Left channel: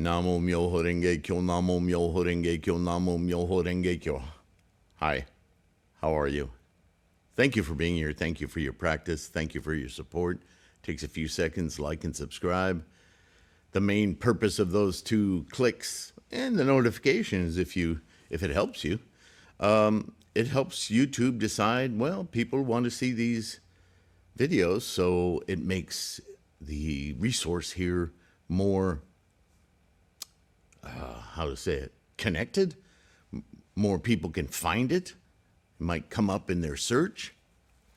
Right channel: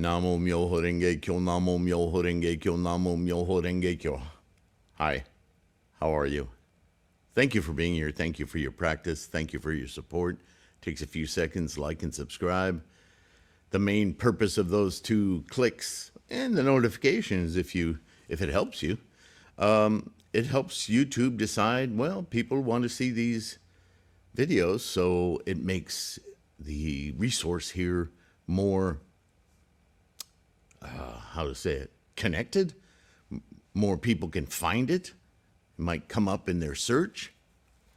Namo Myoho Renge Kyo, Namo Myoho Renge Kyo, Namo Myoho Renge Kyo. Hi, how are you? Thank you for being here. Thank you for your practice. Thank you for your support. Takes a few seconds, like and subscribe. The main purpose of those two clicks and the notifications, if it helps you, it helps YouTube decide, well, people want to see these videos, so it makes the resource here more, how to say it, connected. More people can find it. It might come up in their search,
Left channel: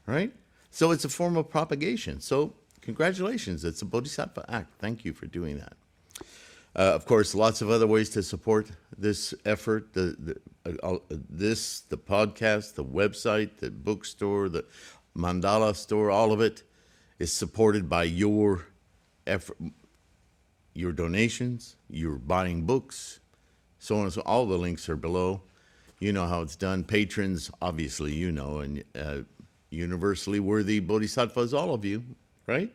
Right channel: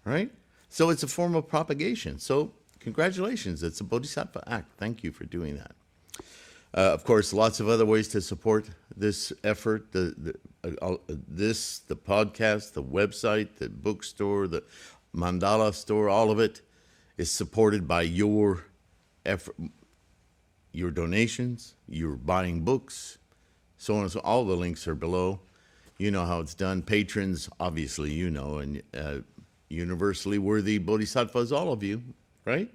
right? So it's a form of propagation. So congratulations, it's a Bodhisattva act. Thank you for doing that. Of course, lots of other ways to support this effort, the podcast, the website, the bookstore, the mandala store, all of it is supported by your effort, your donations, your buying books, so on and so on. All the links are below. You know how it's done. Patrons, obviously, you know, and universally worthy bodhisattvas, all of you, right?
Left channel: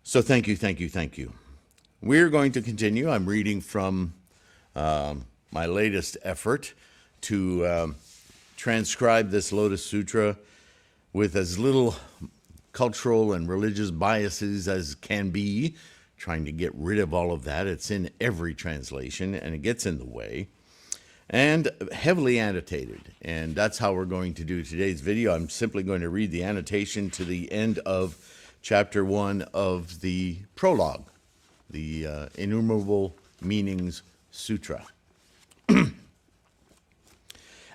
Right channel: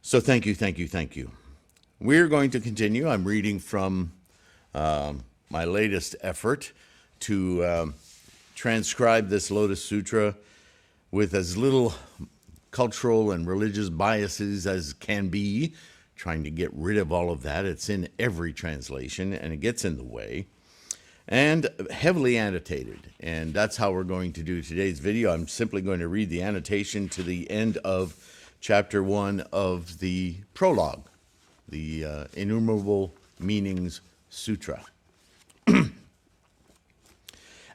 So thank you, thank you, thank you. We're going to continue. I'm reading from my latest effort to transcribe this Lotus Sutra with as little cultural and religious biases as can be, trying to get rid of all of that. It's in every translation, and it gets in the way, and heavily annotated. And that's how we're going to do today's video. I'm simply going to read the annotation to the end of chapter 1 of the prologue, the Innumerable Meanings Sutra.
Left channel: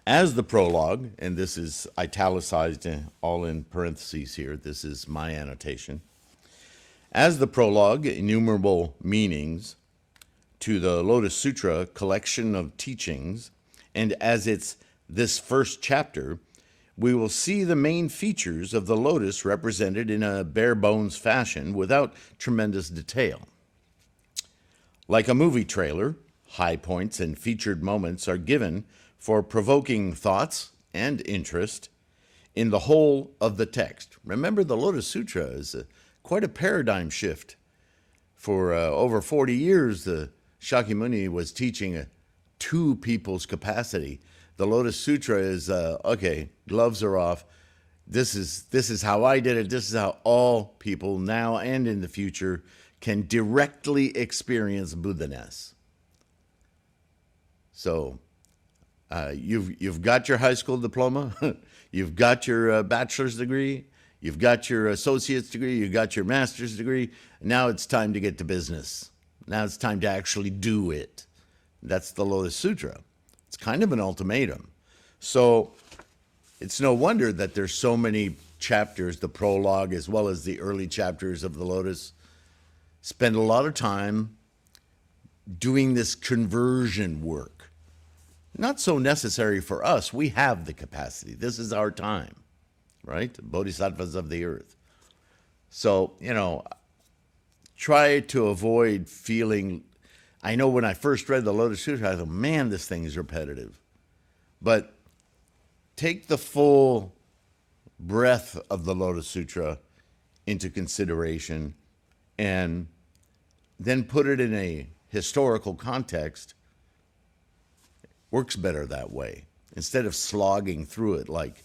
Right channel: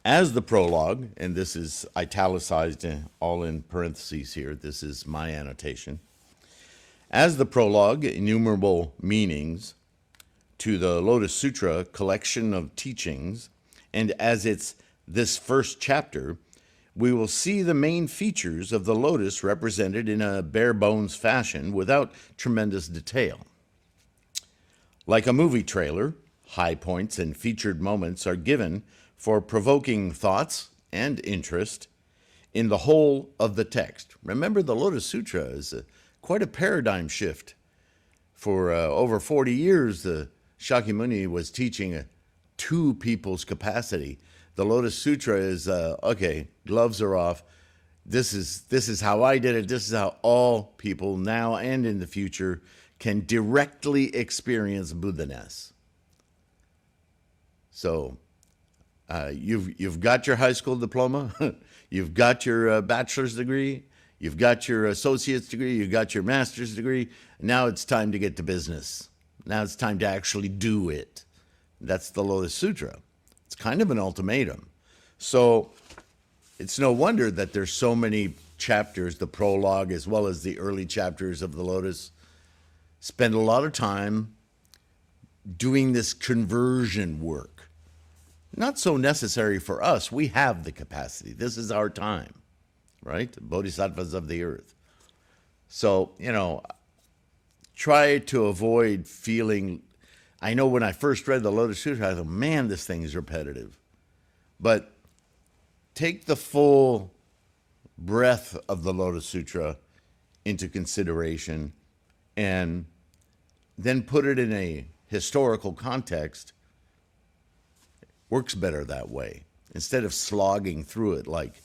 As the prologue, and this is italicized all in parentheses here, this is my annotation. As the prologue, Innumerable Meanings to the Lotus Sutra collection of teachings, and as it's this first chapter, we will see the main features of the lotus represented in a bare bones fashion without tremendous detail. Like a movie trailer, high points and featured moments are given for provoking thoughts and interest in the whole of the text. Remember, the Lotus Sutra is quite a paradigm shift. For over 40 years, the Shakyamuni was teaching two people's capacity. The Lotus Sutra is, okay, gloves are off. This is how I did it. This is how all people now and in the future can directly experience Buddha-ness. So, you've got your high school diploma, you've got your bachelor's degree, you've got your associate's degree, you've got your master's degree. Now it's time to get to business. Now it's time to actually do it. That's the Lotus Sutra. It's kind of an ultimatum. So it's no wonder that there's so many chapters, the prologue as well as the early chapters of the Lotus spend a lot of time doing this conversion work. Not so necessary for us. We have the capacity. This is our time, right? Bodhisattvas of the earth. So, you know, try to avoid feeling, I know when I first read the Lotus Sutra, I thought, man, this thing is repetitive. But take the full breadth of the Lotus Sutra into consideration and then put it in a historical context. Works better that way. Instead of slogging through it like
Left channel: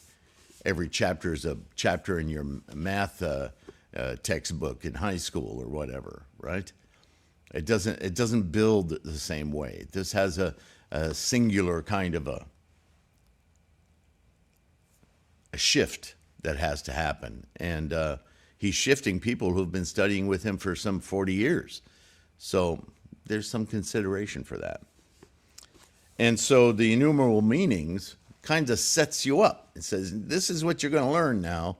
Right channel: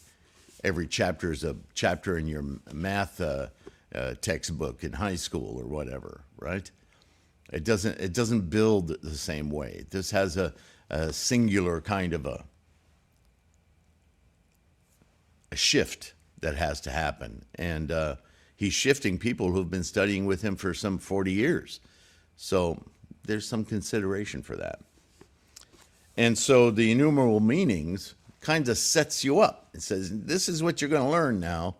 every chapter is a chapter in your math textbook in high school or whatever, right? It doesn't build the same way. This has a singular kind of a shift that has to happen. And he's shifting people who've been studying with him for some 40 years. So there's some consideration for that. And so the Innumerable Meanings kind of sets you up. It says, this is what you're going to learn now.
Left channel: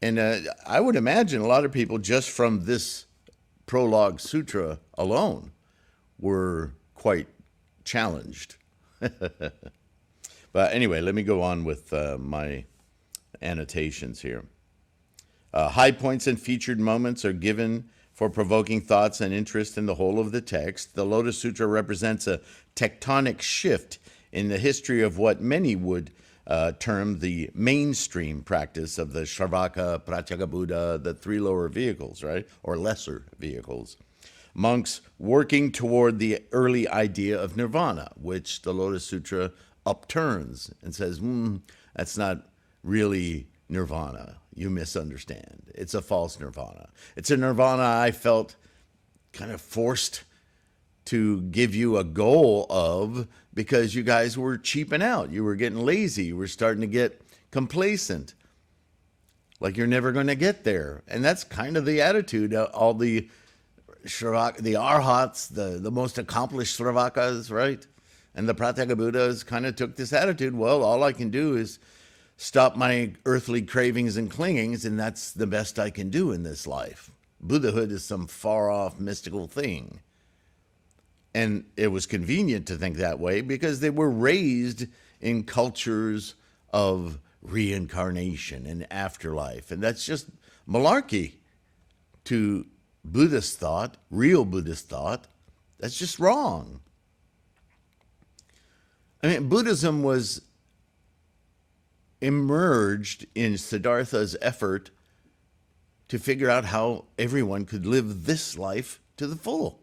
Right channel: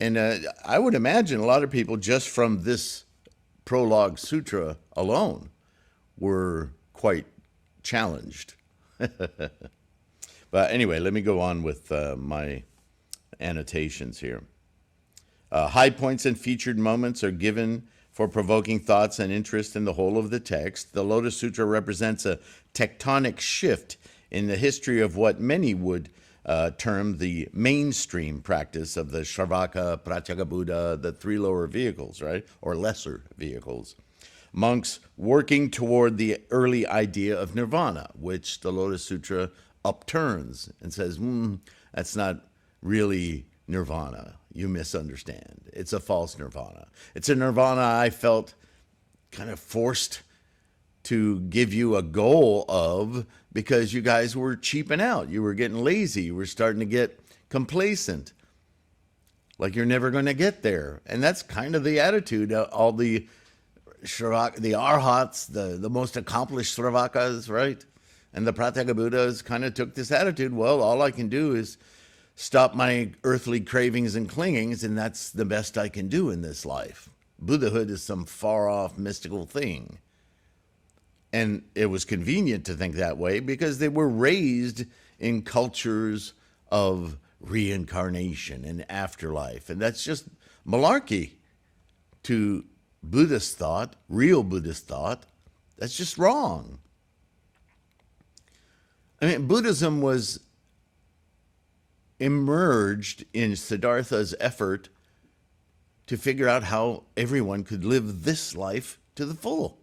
And I would imagine a lot of people just from this prologue sutra alone were quite challenged. But anyway, let me go on with my annotations here. High points and featured moments are given for provoking thoughts and interest in the whole of the text. The Lotus Sutra represents a tectonic shift in the history of what many would term the mainstream practice of the Shravaka, Pratyeka Buddha, the three lower vehicles, right? Or lesser vehicles. monks working toward the early idea of nirvana, which the Lotus Sutra upturns and says, that's not really nirvana. You misunderstand. It's a false nirvana. It's a nirvana I felt kind of forced to give you a goal of because you guys were cheaping out. You were getting lazy. You were starting to get complacent. Like you're never going to get there. And that's kind of the attitude. All the arhats, the most accomplished Sravakas, right? And the Pratyeka Buddhas kind of took this attitude. Well, all I can do is stop my earthly cravings and clingings, and that's the best I can do in this life. Buddhahood is some far-off mystical thing. And it was convenient to think that way because they were raised in cultures of reincarnation and afterlife. And that's just malarkey to Buddhist thought, real Buddhist thought. That's just wrong. I mean, Buddhism was emerged in Siddhartha's effort to figure out how everyone could live this life to the full.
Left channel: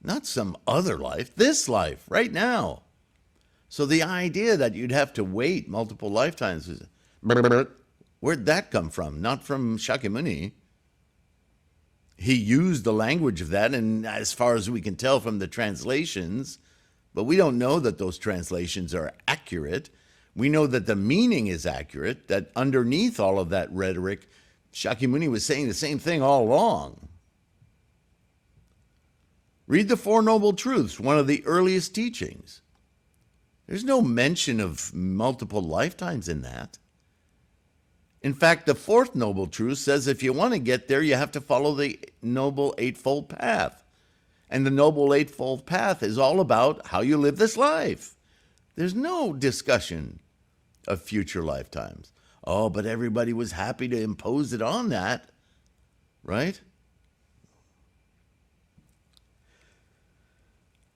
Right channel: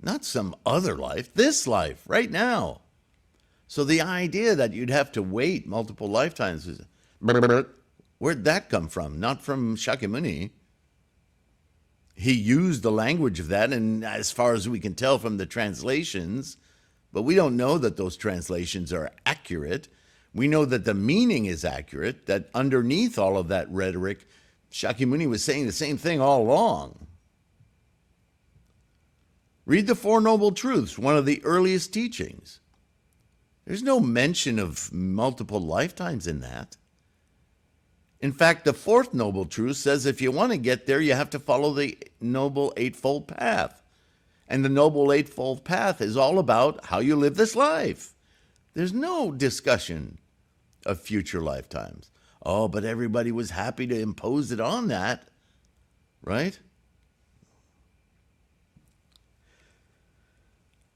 Not some other life, this life, right now. So the idea that you'd have to wait multiple lifetimes, where'd that come from? Not from Shakyamuni. He used the language of that, and as far as we can tell from the translations, but we don't know that those translations are accurate. We know that the meaning is accurate, that underneath all of that rhetoric, Shakyamuni was saying the same thing all along. Read the Four Noble Truths, one of the earliest teachings. There's no mention of multiple lifetimes in that. In fact, the fourth Noble Truth says if you want to get there, you have to follow the Noble Eightfold Path. And the Noble Eightfold Path is all about how you live this life. There's no discussion of future lifetimes. Oh, but everybody was happy to impose it on that, right?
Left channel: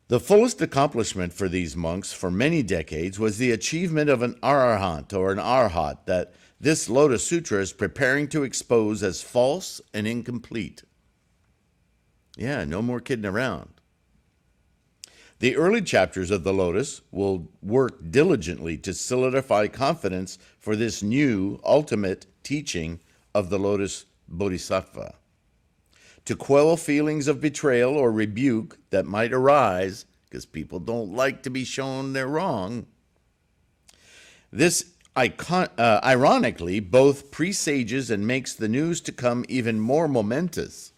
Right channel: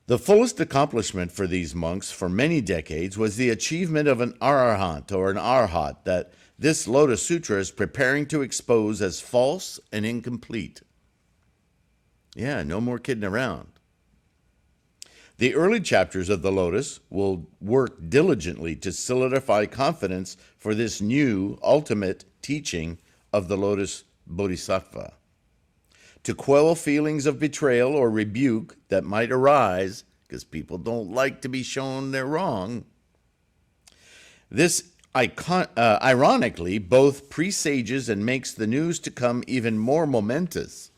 The fullest accomplishment for these monks for many decades was the achievement of an arahant or an arhat that this Lotus Sutra is preparing to expose as false and incomplete. Yeah, no more kidding around. The early chapters of the Lotus will work diligently to solidify confidence for this new ultimate teaching of the Lotus Bodhisattva, to quell feelings of betrayal or rebuke that might arise, because people don't like to be shown they're wrong. This ironically both presages and makes the news to come even more momentous.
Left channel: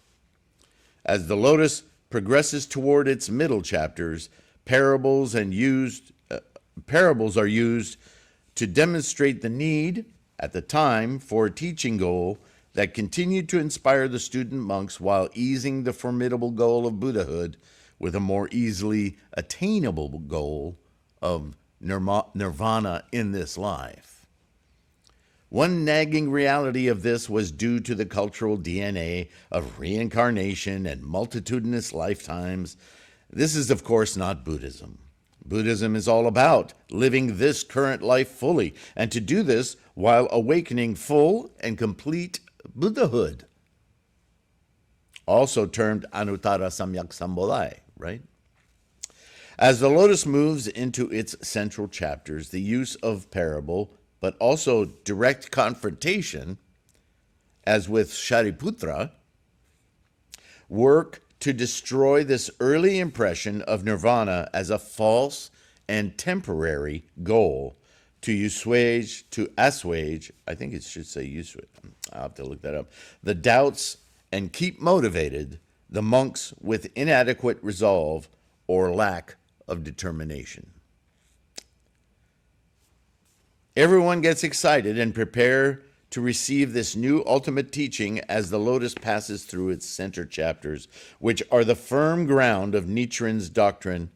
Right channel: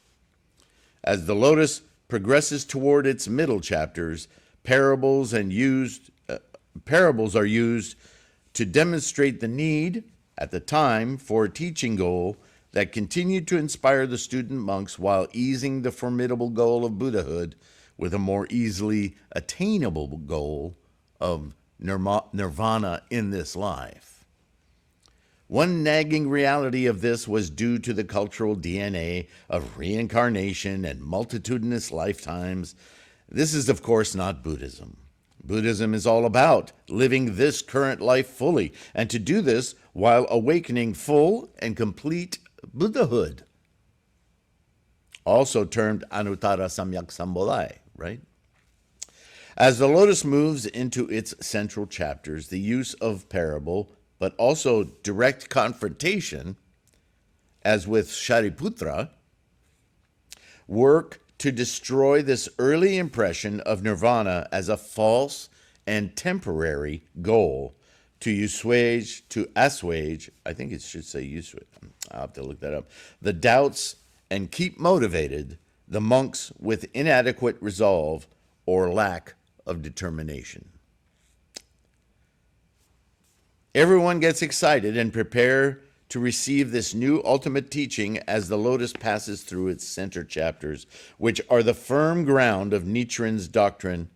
As the Lotus progresses toward its middle chapters, parables are used to demonstrate the need at the time for a teaching goal that continued to inspire the student monks while easing the formidable goal of Buddhahood with a more easily attainable goal of nirvana in this life. One nagging reality of this was due to the cultural DNA of reincarnation and multitudinous lifetimes. This is, of course, not Buddhism. Buddhism is all about living this current life fully, and to do this while awakening full and complete Buddhahood, also termed Anuttara Samyak Sambodhi, right? As the Lotus moves into its central chapters, the use of parable, but also direct confrontation, as with Shariputra, work to destroy this early impression of nirvana as a false and temporary goal, to assuage, I think it should say assuage, I'll have to look that up, the doubts and keep motivated the monks with inadequate resolve or lack of determination. Everyone gets excited and prepare to receive this new ultimate teaching as the Lotus passes through its center chapters, which are the firm ground of Nichiren's doctrine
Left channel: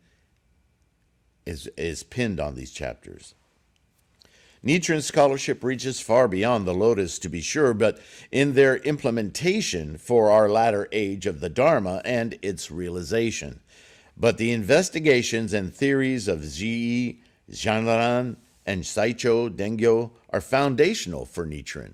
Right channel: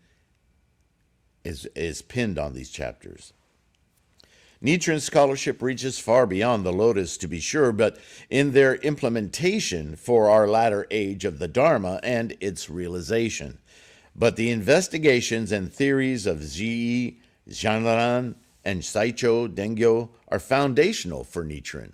is pinned on these chapters. Nichiren's scholarship reaches far beyond the Lotus, to be sure, but in their implementation for our latter age of the Dharma and its realization. But the investigations and theories of Zhi, Zhanran, and Saicho Dengyo are foundational for Nichiren.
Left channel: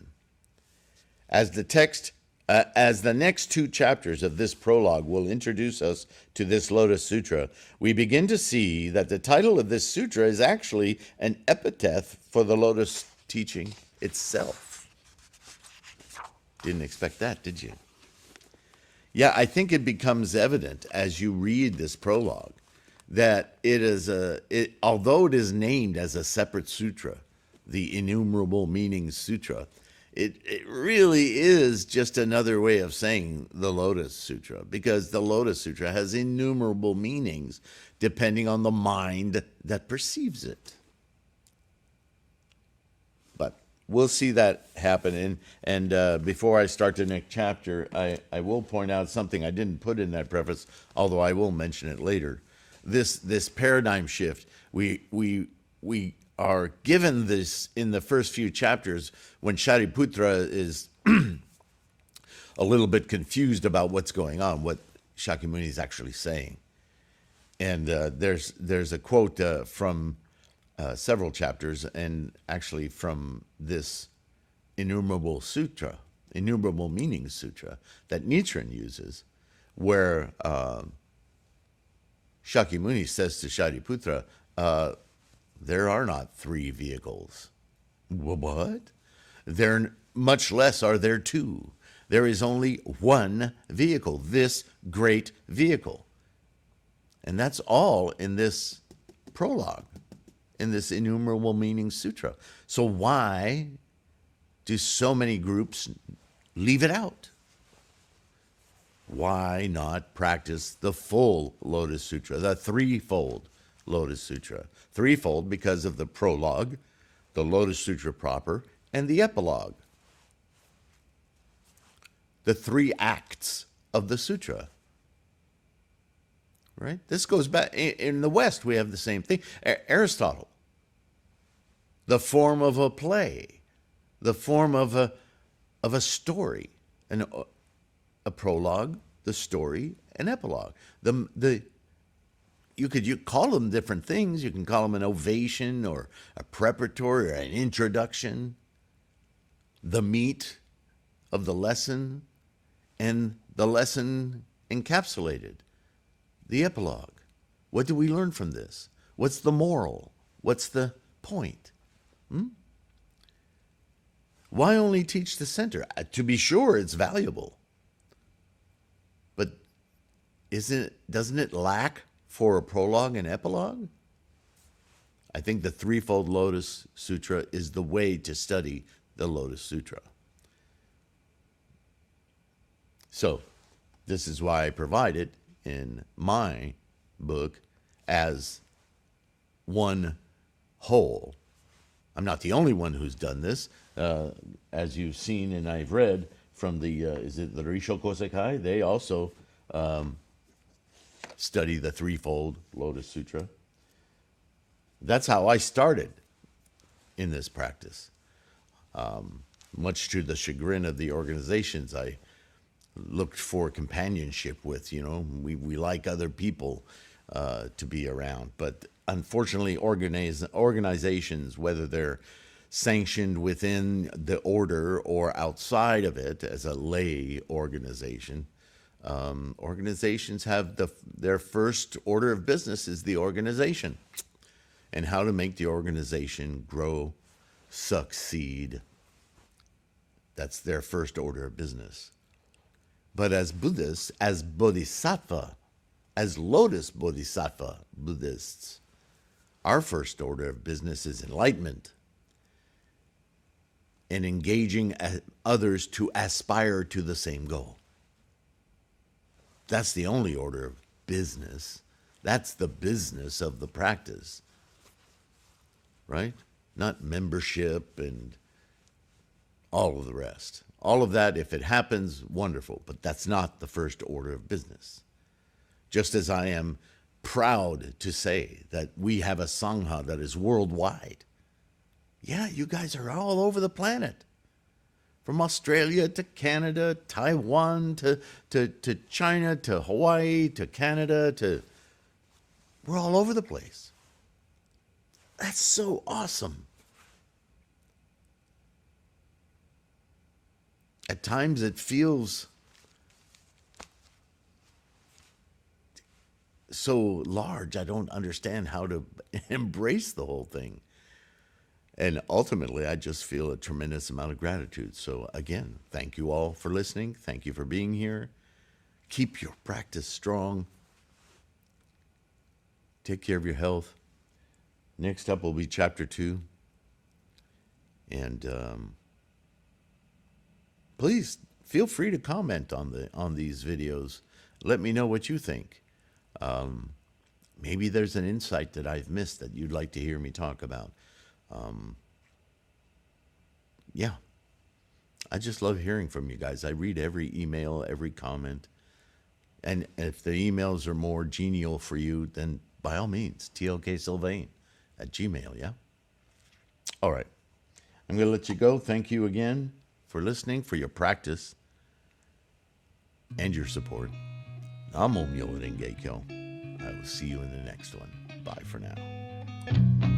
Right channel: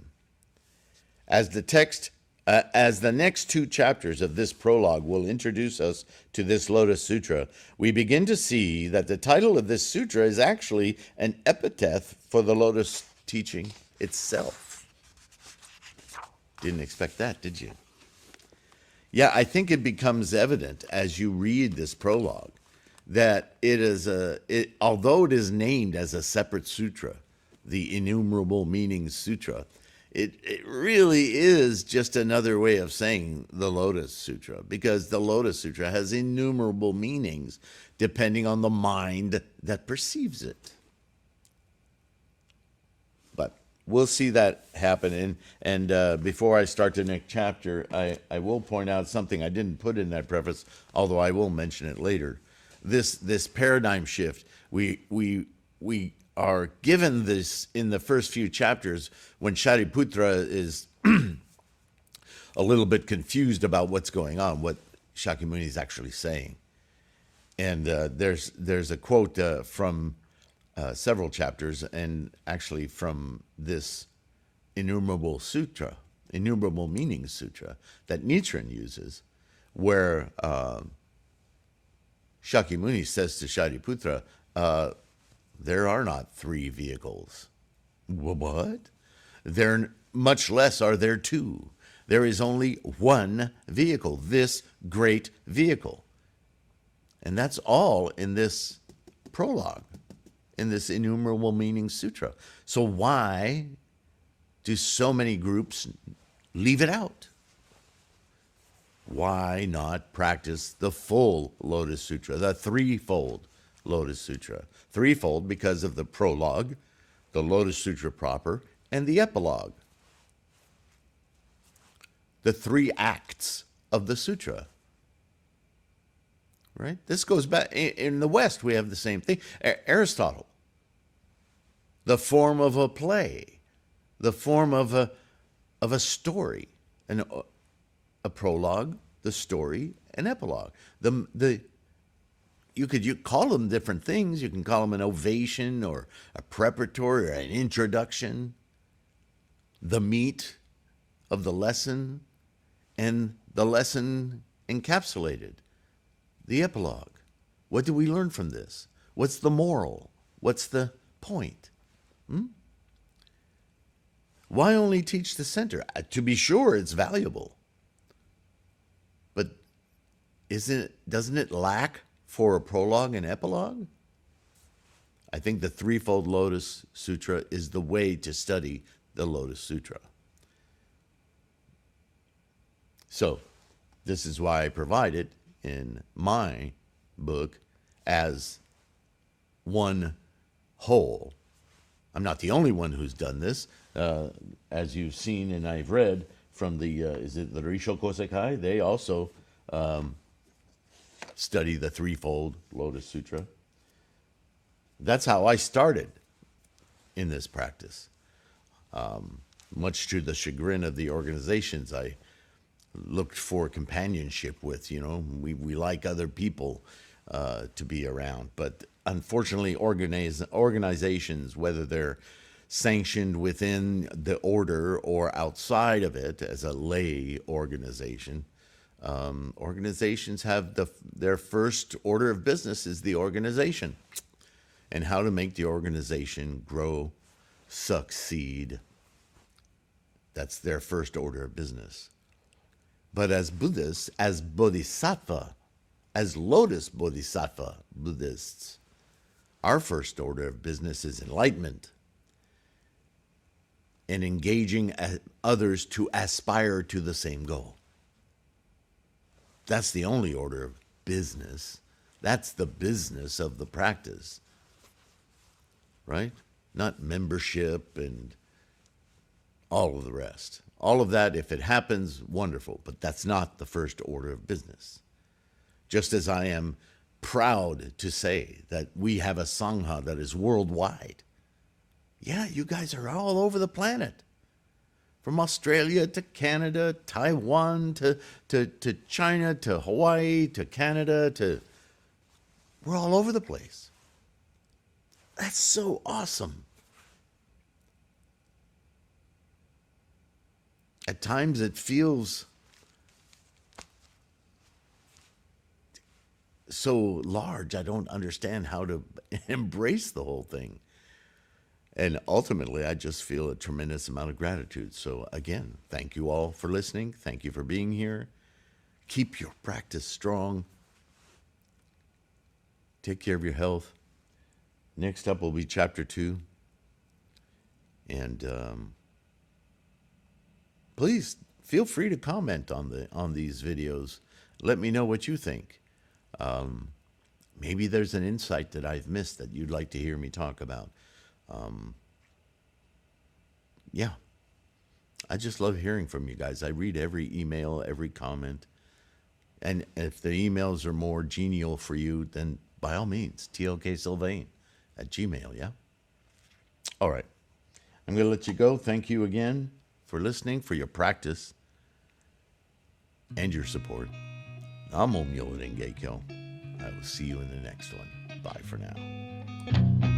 As the text As the next two chapters of this prologue will introduce us to this Lotus Sutra, we begin to see that the title of this sutra is actually an epithet for the Lotus teaching itself. Didn't expect that, did you? Yeah, I think it becomes evident as you read this prologue that although it is named as a separate sutra, the Innumerable Meanings Sutra, it really is just another way of saying the Lotus Sutra, because the Lotus Sutra has innumerable meanings depending on the mind that perceives it. But we'll see that happen. And before I start the next chapter, I will point out something I didn't put in that preface, although I will mention it later. This paradigm shift, we are given this in the first few chapters when Shariputra is a little bit confused about what's going on, what Shakyamuni is actually saying. And there's a quote from several chapters, and actually from this Innumerable Meanings Sutra that Nichiren uses, where Shakyamuni says to Shariputra, there are not three vehicles. What? There, much less are there two. There is only one vehicle, this great vehicle. And that's all in this prologue, in this Innumerable Meanings Sutra. So why do so many groups leave it out? Why not practice the full Lotus Sutra, the threefold Lotus Sutra? Threefold because of the prologue, the Lotus Sutra proper, and the epilogue. The three acts of the sutra. Right? This goes back, in the West we have the same thing. Aristotle, the form of a play, the form of a story, a prologue, the story, an epilogue. You could call them different things. You can call them an ovation or a preparatory or an introduction, the meat of the lesson, and the lesson encapsulated, the epilogue. What do we learn from this? What's the moral? What's the point? Why only teach the center? To be sure, it's valuable. But doesn't it lack for a prologue and epilogue? I think the Threefold Lotus Sutra is the way to study the Lotus Sutra. So, this is why I provide it in my book as one whole. I'm not the only one who's done this. As you've seen and I've read from is it the Risho Kosekai? They also study the Threefold Lotus Sutra. That's how I started in this practice. Much to the chagrin of the organizations I looked for companionship with, we like other people to be around. But unfortunately, organizations, whether they're sanctioned within the order or outside of it as a lay organization, organizations have their first order of business is the organization and how to make the organization grow, succeed. That's their first order of business. But as Buddhists, as Bodhisattva, as Lotus Bodhisattva Buddhists, our first order of business is enlightenment and engaging others to aspire to the same goal. That's the only order of business. That's the business of the practice, right? Not membership and all of the rest. All of that, if it happens, wonderful, but that's not the first order of business. Just as I am proud to say that we have a Sangha that is worldwide. Yeah, you guys are all over the planet. From Australia to Canada, Taiwan to China to Hawaii to Canada we're all over the place. That's so awesome. At times it feels so large. I don't understand how to embrace the whole thing. And ultimately, I just feel a tremendous amount of gratitude. So, again, thank you all for listening. Thank you for being here. Keep your practice strong. Take care of your health. Next up will be chapter 2. And please feel free to comment on these videos. Let me know what you think. Maybe there's an insight that I've missed that you'd like to hear me talk about. Yeah, I just love hearing from you guys. I read every email, every comment. And if the emails are more genial for you, then by all means, TLK Sylvain at Gmail, yeah? All right. I'm going to let you go. Thank you again for listening, for your practice, and your support. I'm Om Yola Dengekyo. I will see you in the next one. Bye for now.